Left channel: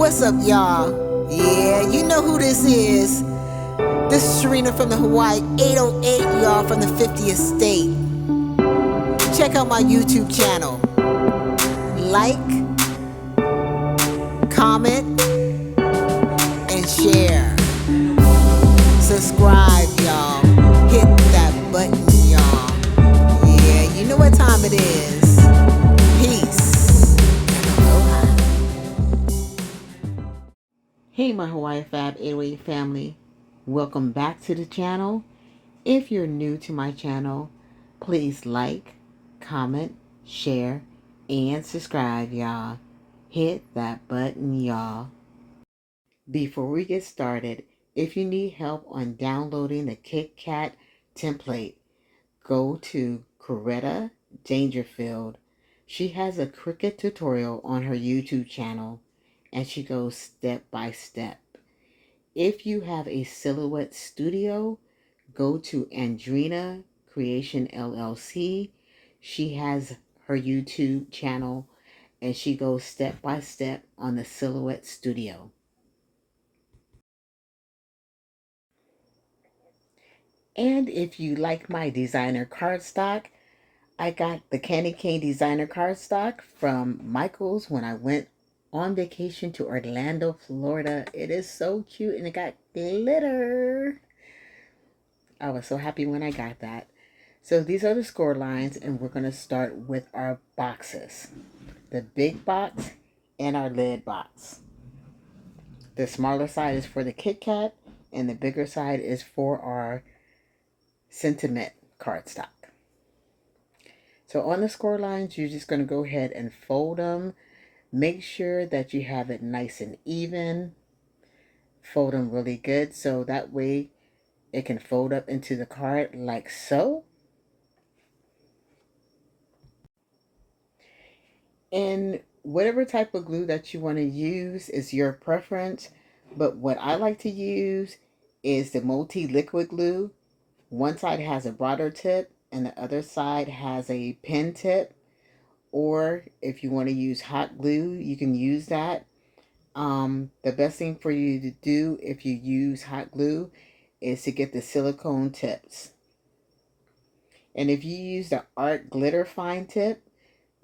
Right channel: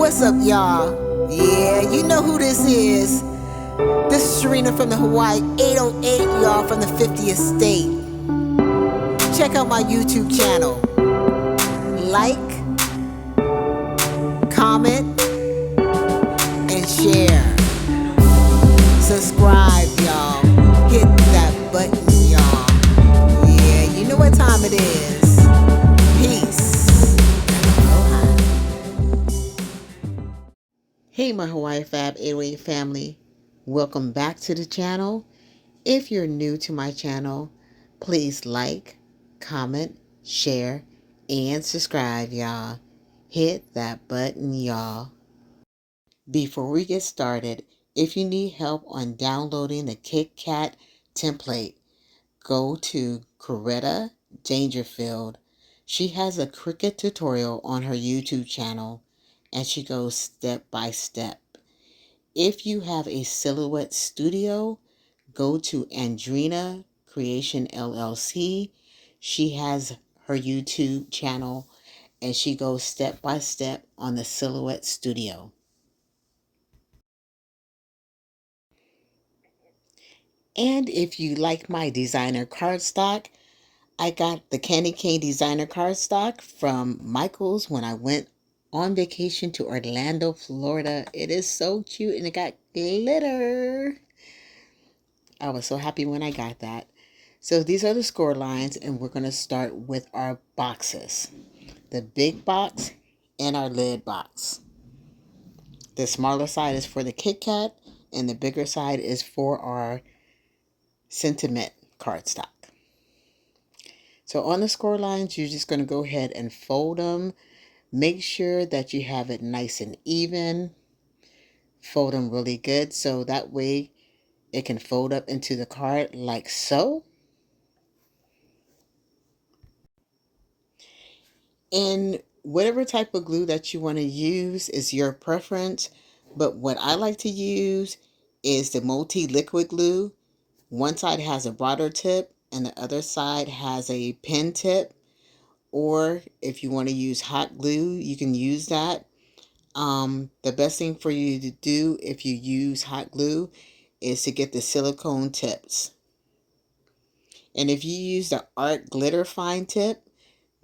What's up, y'all? Yeah, you know who this is. This is Sharina from the Hawaii 808, y'all, from the 50th state. Check out my YouTube channel. Like, comment, and share. Subscribe, y'all. Hit that button, y'all. Yeah, you know what time it is. Peace. Aloha. Hey, my Hawaii Fab 808 family. Welcome back to the channel. If you're new to my channel, please like, comment, share, and subscribe, y'all. Hit that button, y'all. Before we get started, if you need help on downloading the KitKat template, go to Coretta Dangerfield. She has a Cricut tutorial on her YouTube channel, and she goes step by step. If you have a Silhouette Studio, go to Andrina Creation LLC. She has her YouTube channel and she goes step by step on the Silhouette Studio. And if you like my designer cardstock, I got the Candy Cane designer cardstock from Michaels when I went on vacation to Orlando, Florida. It is so cute and it got glitter. I was so happy when I got that. So these are the score lines, and we're going to start with our boxes. The big box and our lid box. The smaller side is for the Kit Kat, and the bigger side is for our sentiment cardstock. So on the score lines, you're just going to go ahead and fold them. Make sure that you have it nice and even. Fold them really good so that way it can fold up into the card like so. And whatever type of glue that you want to use is your preference. But what I like to use is the multi-liquid glue. One side has a broader tip and the other side has a pen tip. Or if you want to use hot glue, you can use that. The best thing for you to do if you use hot glue is to get the silicone tips. And if you use the Art Glitter Fine tip,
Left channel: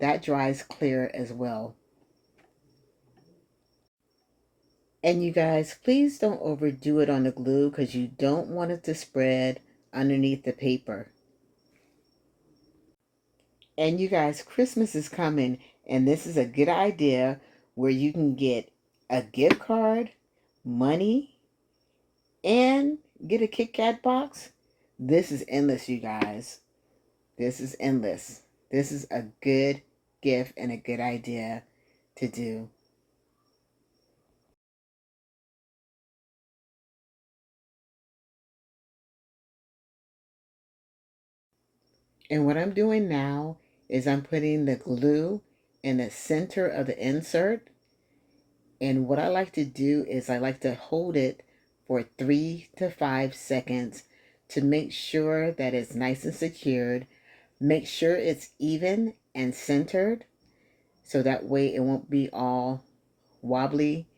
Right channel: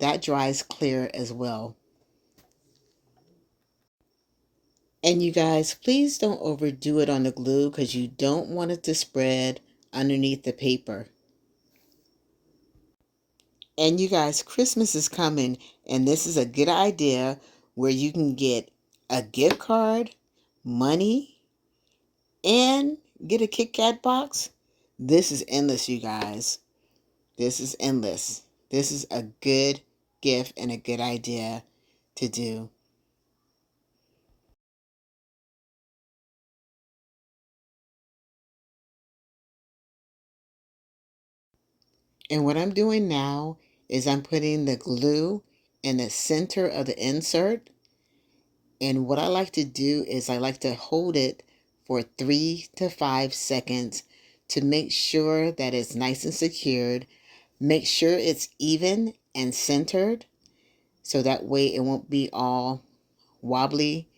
that dries clear as well. And you guys, please don't overdo it on the glue because you don't want it to spread underneath the paper. And you guys, Christmas is coming, and this is a good idea where you can get a gift card, money, and get a Kit Kat box. This is endless, you guys. This is endless. This is a good gift and a good idea to do. And what I'm doing now is I'm putting the glue in the center of the insert. And what I like to do is I like to hold it for 3 to 5 seconds to make sure that it's nice and secured. Make sure it's even and centered so that way it won't be all wobbly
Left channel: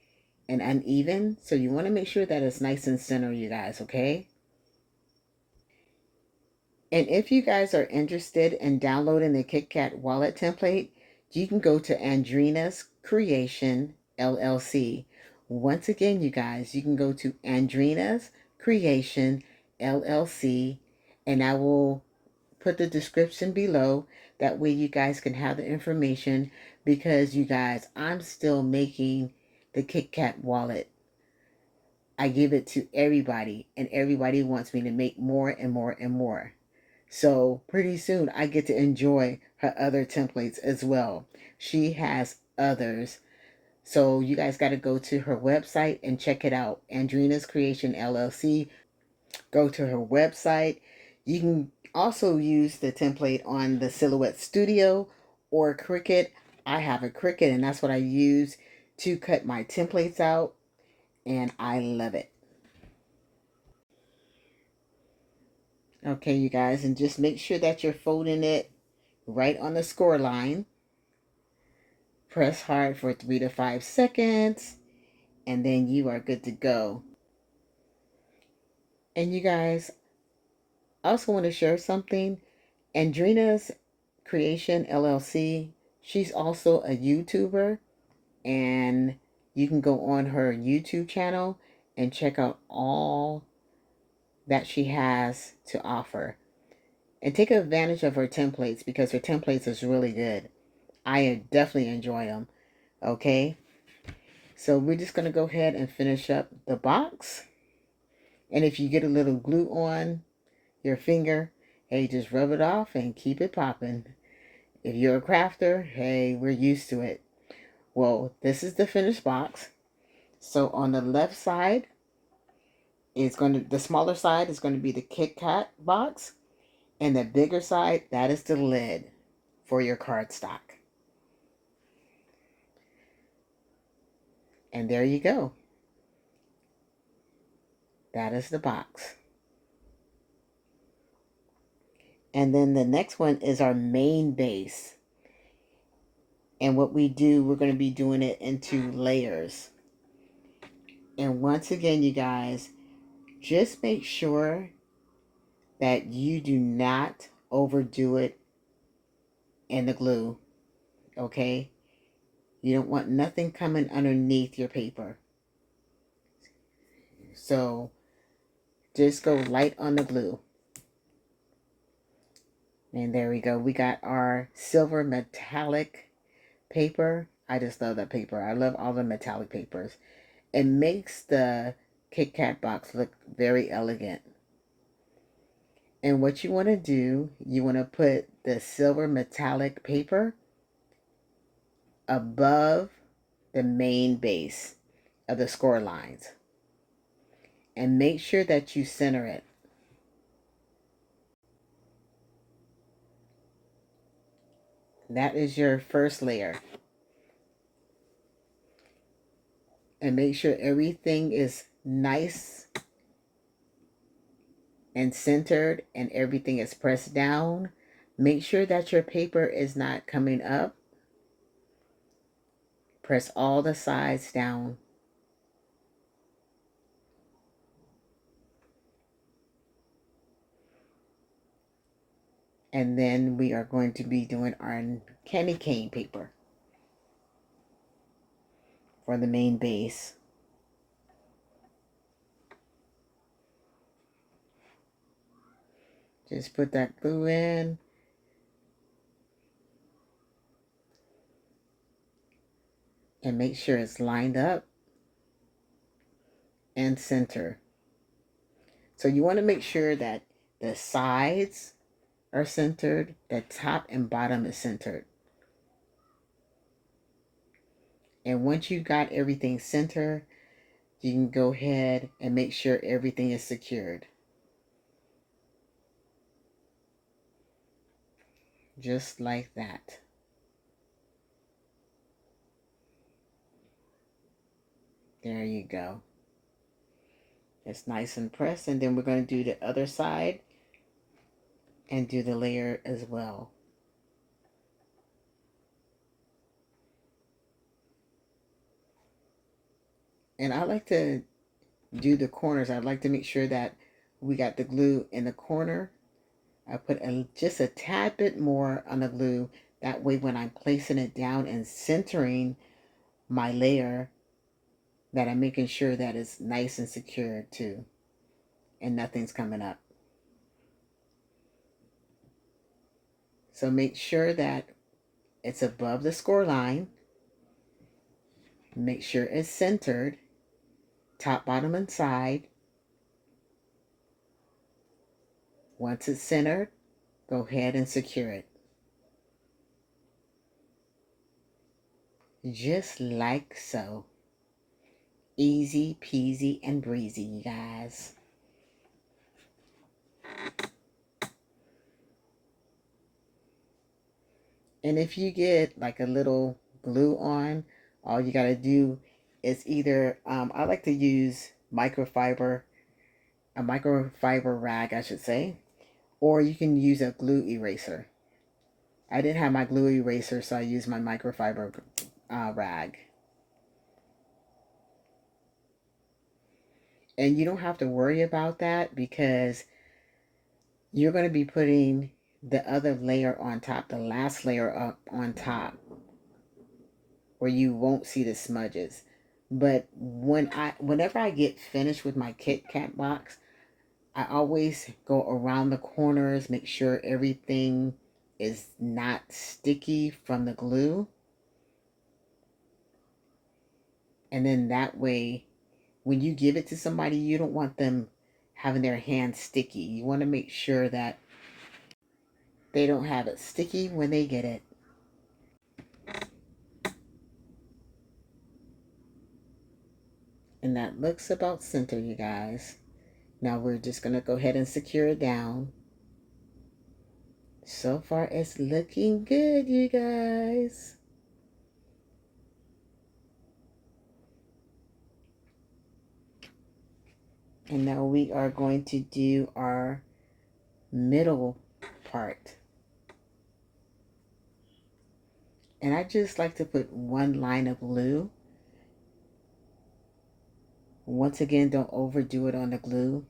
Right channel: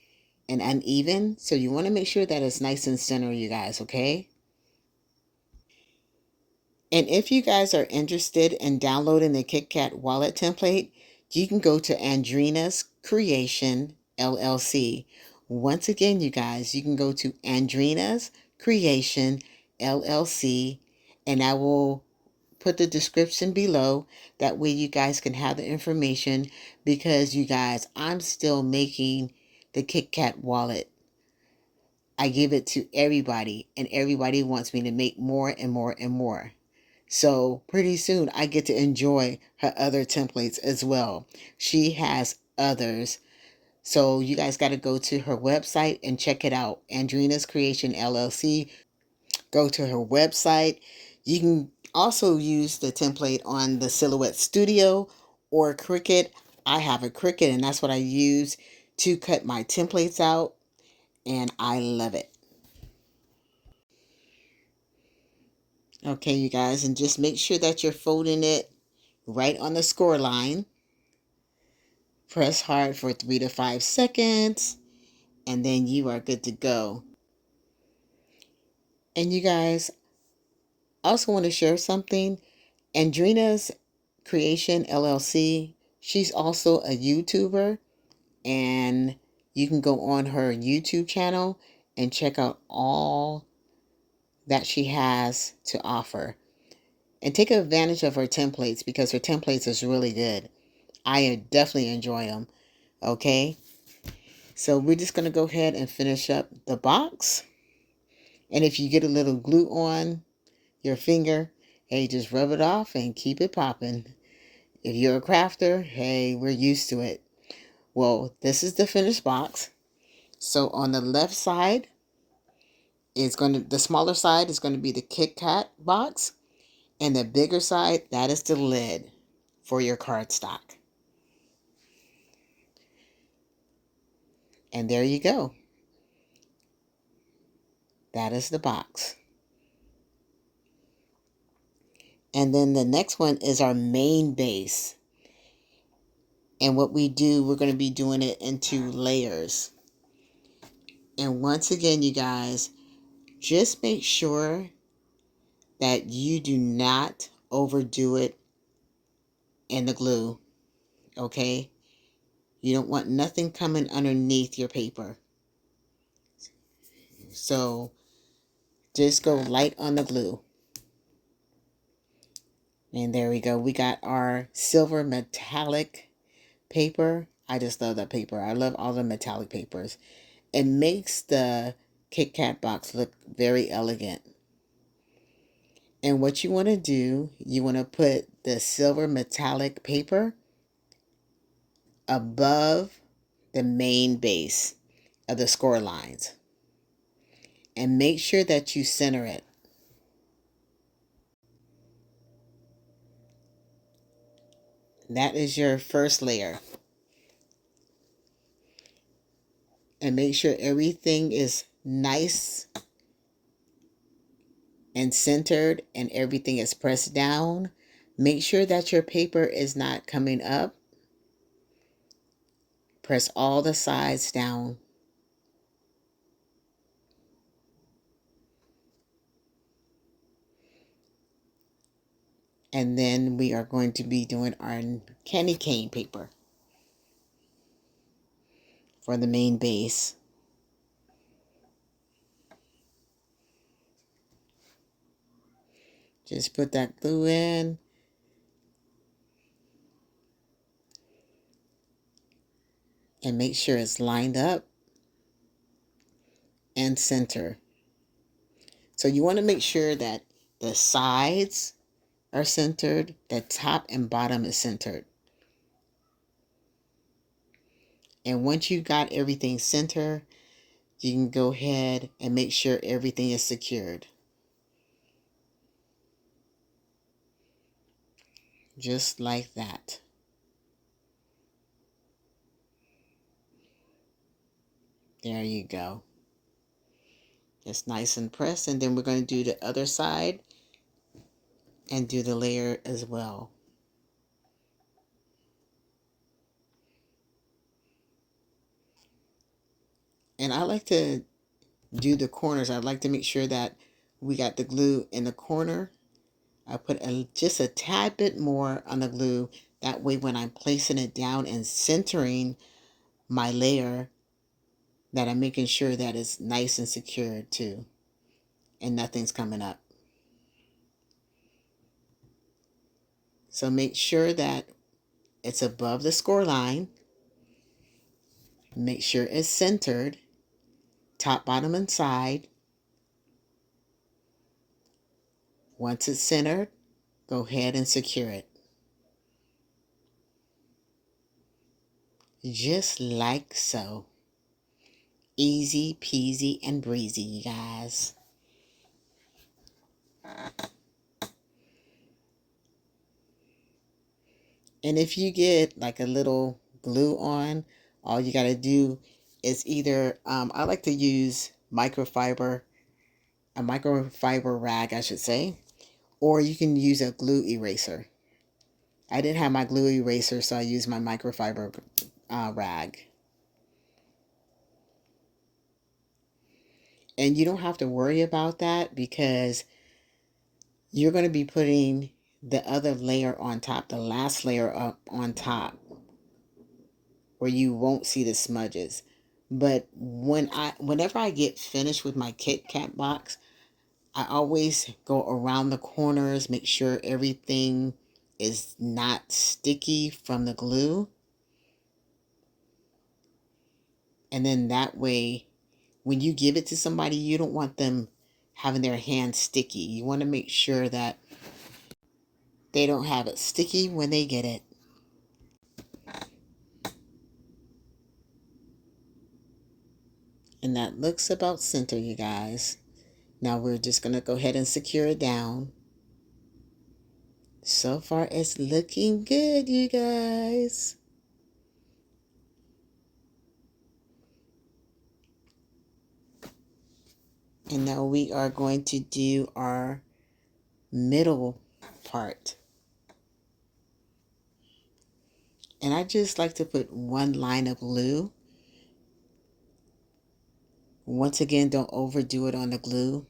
and uneven. So you want to make sure that it's nice and centered, you guys, okay? And if you guys are interested in downloading the KitKat wallet template, you can go to Andrina's Creation LLC. Once again, you guys, you can go to Andrina's Creation LLC, and I will put the description below. That way you guys can have the information because you guys, I'm still making the KitKat wallet. I give it to everybody, and everybody wants me to make more and more and more. So pretty soon I get to enjoy her other templates as well. She has others. So you guys got to go to her website and check it out. Andrina's Creation LLC. Go to her website. You can also use the template on the Silhouette Studio or Cricut. I have a Cricut and that's what I use to cut my templates out, and I love it. Okay, you guys, and just make sure that you're folding it right on the score line. Press hard for 3 to 5 seconds. and then you are good to go. And you guys, I also want to share something. Andrina's Creation LLC, she's also a YouTuber, and you can go on her YouTube channel and check out all that she has to offer. And take advantage of her templates because her templates is really good. I definitely enjoy them. Okay, so we're just going to go ahead and finish up the box. And if you get a little glue on your finger, hey, just rub it off and keep it popping. If you're a crafter, hey, we're used to it. Well, this is the finished box. So on the left side is the smaller side is going to be the Kit Kat box. And the bigger side, that is the lid for your cardstock. And there you go. That is the box. And then the next one is our main base. And what we do, we're going to be doing it into layers. And once again, you guys, just make sure that you do not overdo it in the glue, okay? You don't want nothing coming underneath your paper. So just go light on the glue. And there we go. We got our silver metallic paper. I just love that paper. I love all the metallic papers. It makes the Kit Kat box look very elegant. And what you want to do, you want to put the silver metallic paper above the main base of the score lines. And make sure that you center it. That is your first layer. And make sure everything is nice and centered and everything is pressed down. Make sure that your paper is not coming up. Press all the sides down. And then we are going to be doing our candy cane paper for the main base. Just put that glue in. And make sure it's lined up and center. So you want to make sure that the sides are centered, the top and bottom is centered. And once you got everything centered, you can go ahead and make sure everything is secured. Just like that. There you go. It's nice and pressed. And then we're going to do the other side and do the layer as well. And I like to do the corners. I'd like to make sure that we got the glue in the corner. I put just a tad bit more on the glue. That way when I'm placing it down and centering my layer, that I'm making sure that it's nice and secure too. And nothing's coming up. So make sure that it's above the score line. Make sure it's centered, top, bottom, and side. Once it's centered, go ahead and secure it. Just like so. Easy peasy and breezy, you guys. And if you get like a little glue on, all you got to do is either, I like to use a microfiber rag, I should say, or you can use a glue eraser. I didn't have my glue eraser, so I used my microfiber rag. And you don't have to worry about that because you're going to be putting the other layer on top, the last layer up on top, where you won't see the smudges. But whenever I get finished with my Kit Kat box, I always go around the corners, make sure everything is not sticky from the glue. And then that way, when you give it to somebody, you don't want them having their hands sticky. You want to make sure that they don't have it sticky when they get it. And that looks about center, you guys. Now we're just going to go ahead and secure it down. So far, it's looking good, you guys. And now we are going to do our middle part. And I just like to put one line of glue. Once again, don't overdo it on the glue.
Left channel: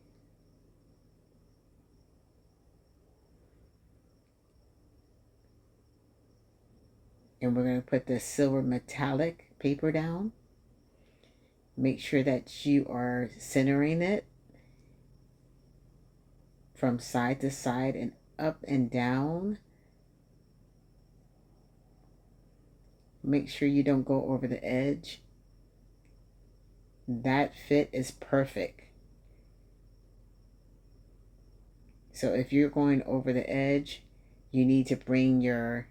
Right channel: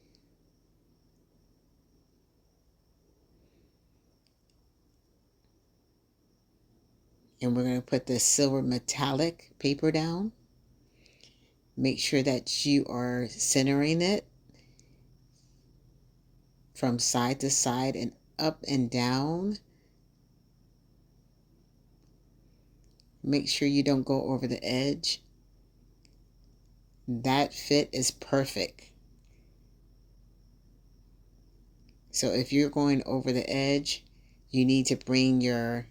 And we're going to put the silver metallic paper down. Make sure that you are centering it from side to side and up and down. Make sure you don't go over the edge. That fit is perfect. So if you're going over the edge, you need to bring your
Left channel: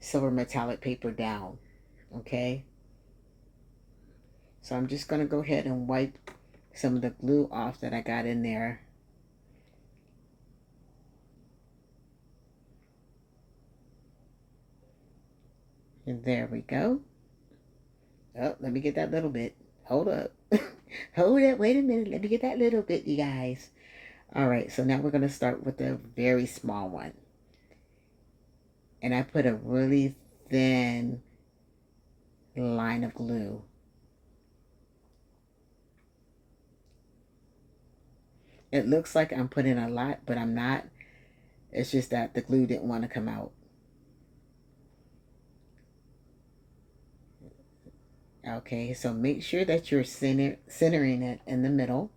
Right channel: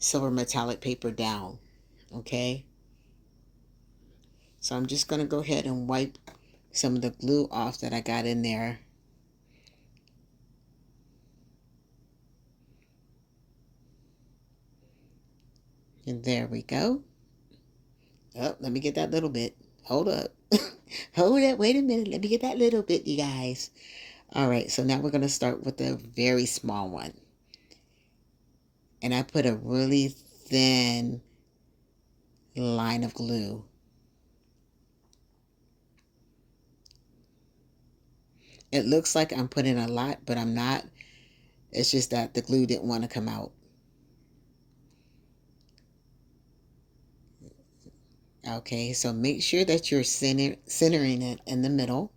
silver metallic paper down. Okay? So I'm just going to go ahead and wipe some of the glue off that I got in there. And there we go. Oh, let me get that little bit. Hold up. Hold up. Wait a minute. Let me get that little bit, you guys. All right. So now we're going to start with a very small one. And I put a really thin line of glue. It looks like I'm putting a lot, but I'm not. It's just that the glue didn't want to come out. Okay, so make sure that you're centering it in the middle.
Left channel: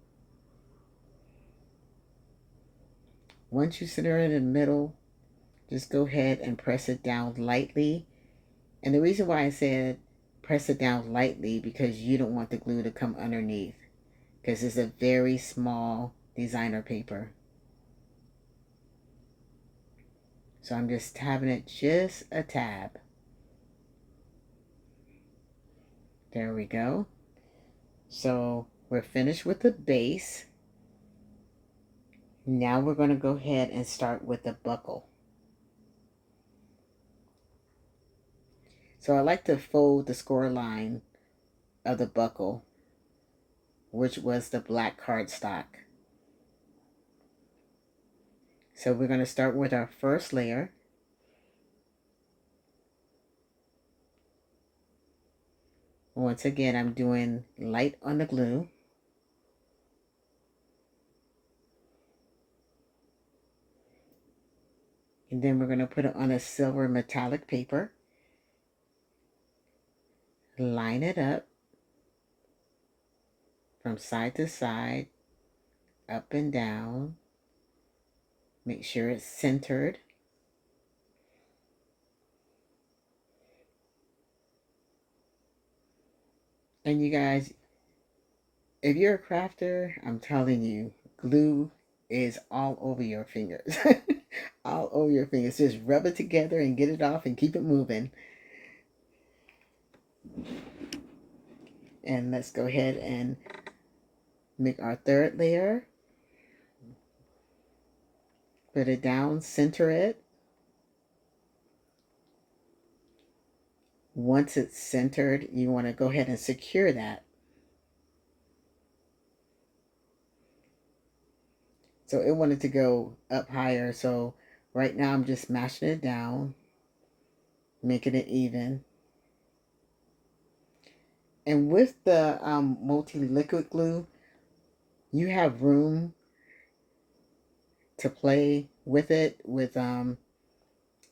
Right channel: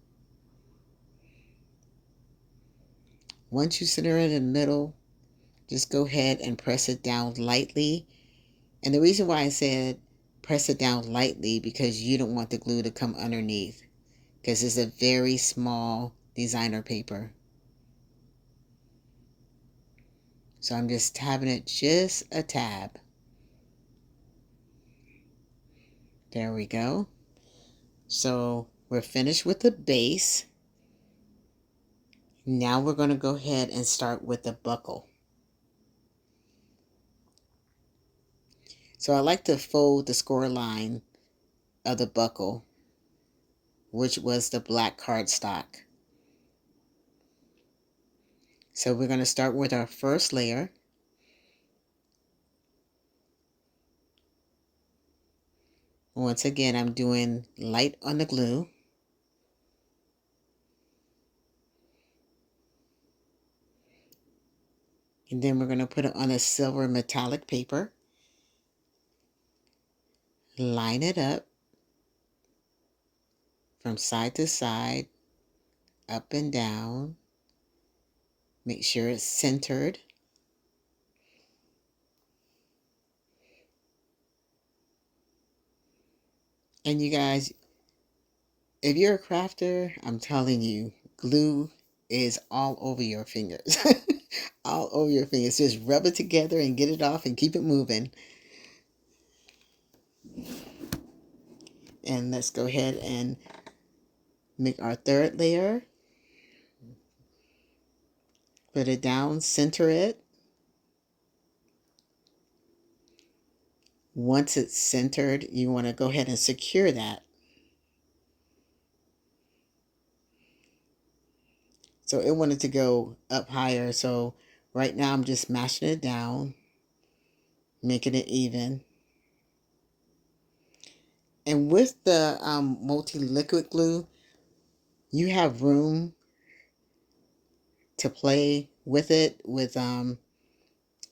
Once you center it in the middle, just go ahead and press it down lightly. And the reason why I said press it down lightly because you don't want the glue to come underneath because it's a very small designer paper. So I'm just tabbing it just a tab. There we go. So we're finished with the base. Now we're going to go ahead and start with the buckle. So I like to fold the score line of the buckle, which was the black cardstock. So we're going to start with our first layer. Once again, I'm doing light on the glue. And then we're going to put it on a silver metallic paper. Line it up from side to side, up and down. Make sure it's centered. And you guys, if you're a crafter, I'm telling you, glue is all over your fingers. All over your fingers. Just rub it together and get it off and keep it moving. And let's go ahead and make our third layer. Put it down, center it. Once it's centered, you want to go ahead and secure that. So it wanted to go up higher. So right now I'm just mashing it down, making it even. And with the multi-liquid glue, you have room to play with it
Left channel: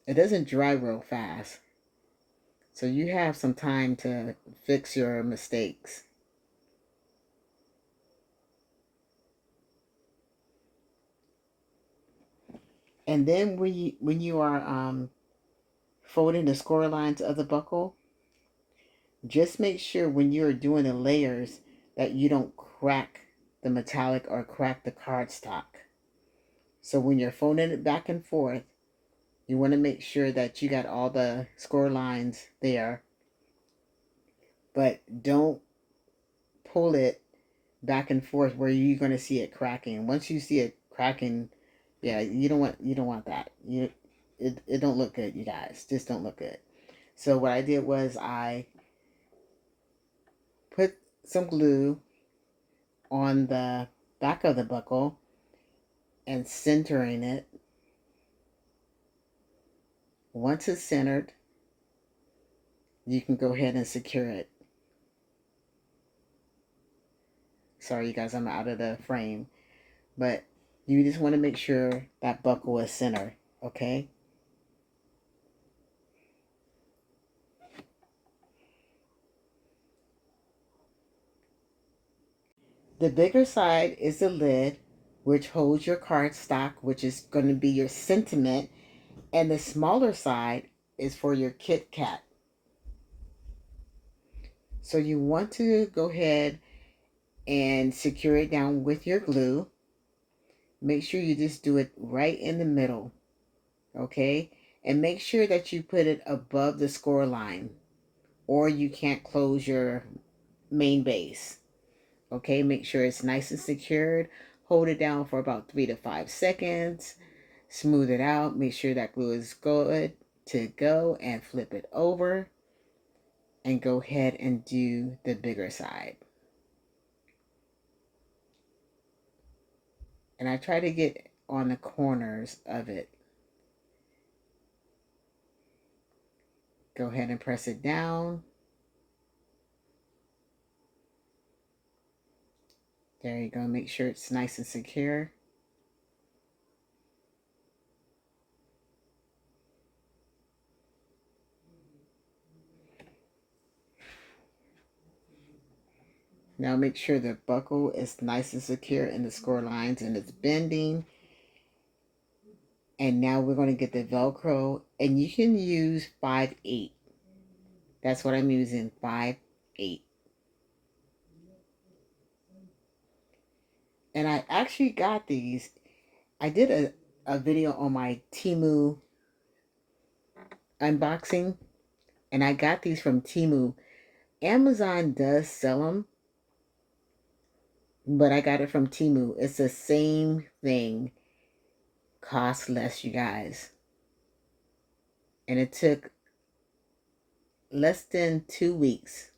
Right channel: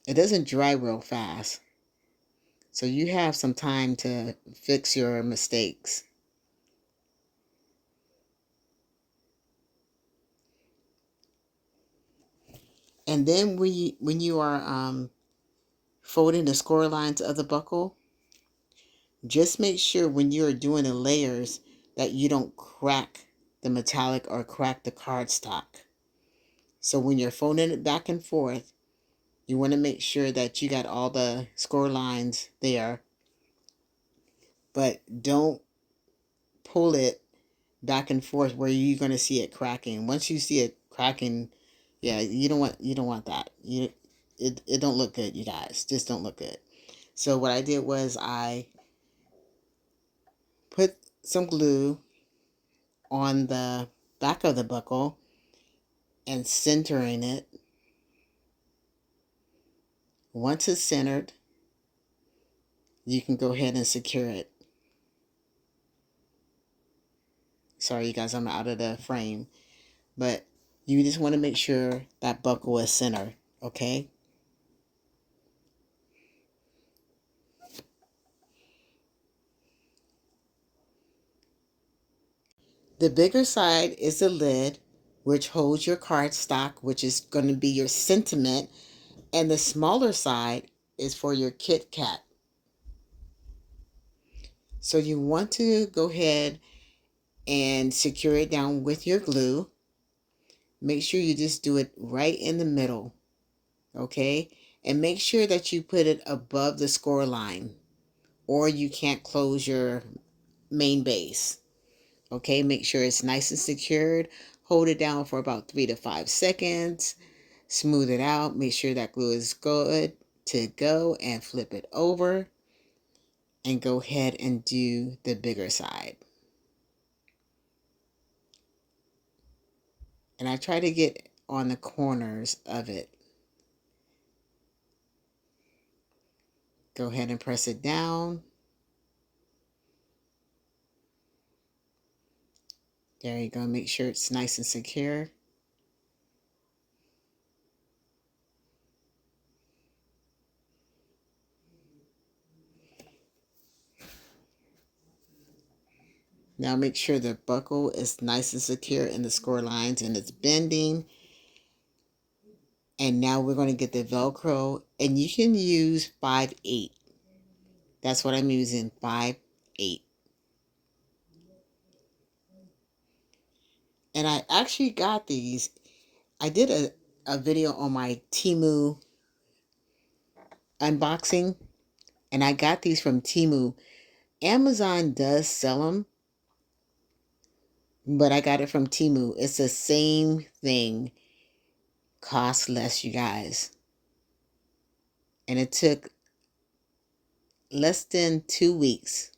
it doesn't dry real fast. So you have some time to fix your mistakes. And then when you are folding the score lines of the buckle, just make sure when you're doing the layers that you don't crack the metallic or crack the cardstock. So when you're folding it back and forth, you want to make sure that you got all the score lines there, but don't pull it back and forth where you're going to see it cracking. Once you see it cracking, yeah, you don't want that. It don't look good, you guys. Just don't look good. So what I did was I put some glue on the back of the buckle and centering it. Once it's centered, you can go ahead and secure it. Sorry, you guys, I'm out of the frame. But you just want to make sure that buckle is centered, okay? The bigger side is the lid, which holds your cardstock, which is going to be your sentiment. And the smaller side is for your Kit Kat. So you want to go ahead and secure it down with your glue. Make sure you just do it right in the middle, okay? And make sure that you put it above the score line or you can't close your main base. Okay, make sure it's nice and secured. Hold it down for about 3 to 5 seconds. Smooth it out. Make sure that glue is good to go and flip it over and go ahead and do the bigger side. And I try to get on the corners of it. Go ahead and press it down. There you go. Make sure it's nice and secure. Now make sure the buckle is nice and secure in the score lines and it's bending. And now we're going to get the Velcro, and you can use 5/8. That's what I'm using, 5/8. And I actually got these. I did a video on my Temu unboxing, and I got these from Temu. Amazon does sell them, but I got it from Temu. It's the same thing, cost less, you guys. And it took less than 2 weeks.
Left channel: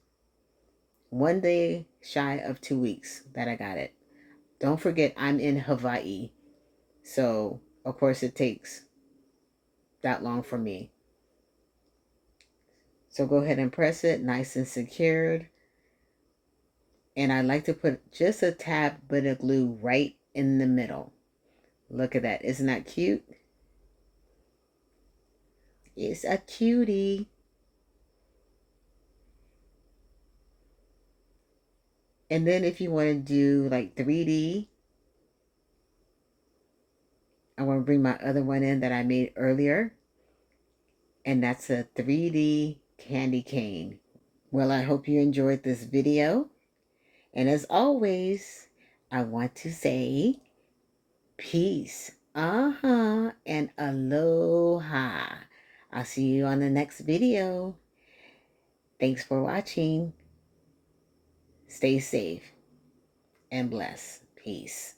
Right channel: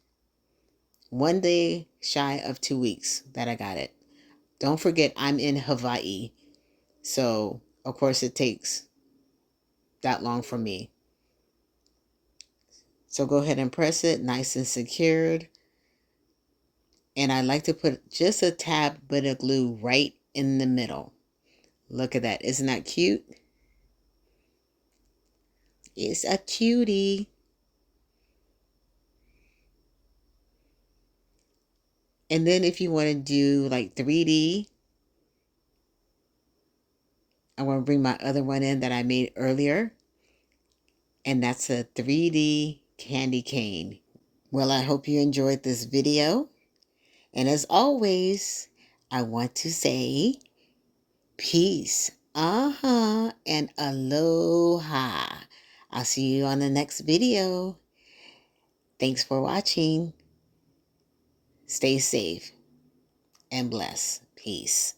One day shy of 2 weeks that I got it. Don't forget, I'm in Hawaii. So, of course, it takes that long for me. So go ahead and press it nice and secured. And I like to put just a tad bit of glue right in the middle. Look at that. Isn't that cute? It's a cutie. And then if you want to do like 3D, I want to bring my other one in that I made earlier. And that's a 3D candy cane. Well, I hope you enjoyed this video. And as always, I want to say peace. And aloha. I'll see you on the next video. Thanks for watching. Stay safe and blessed. Peace.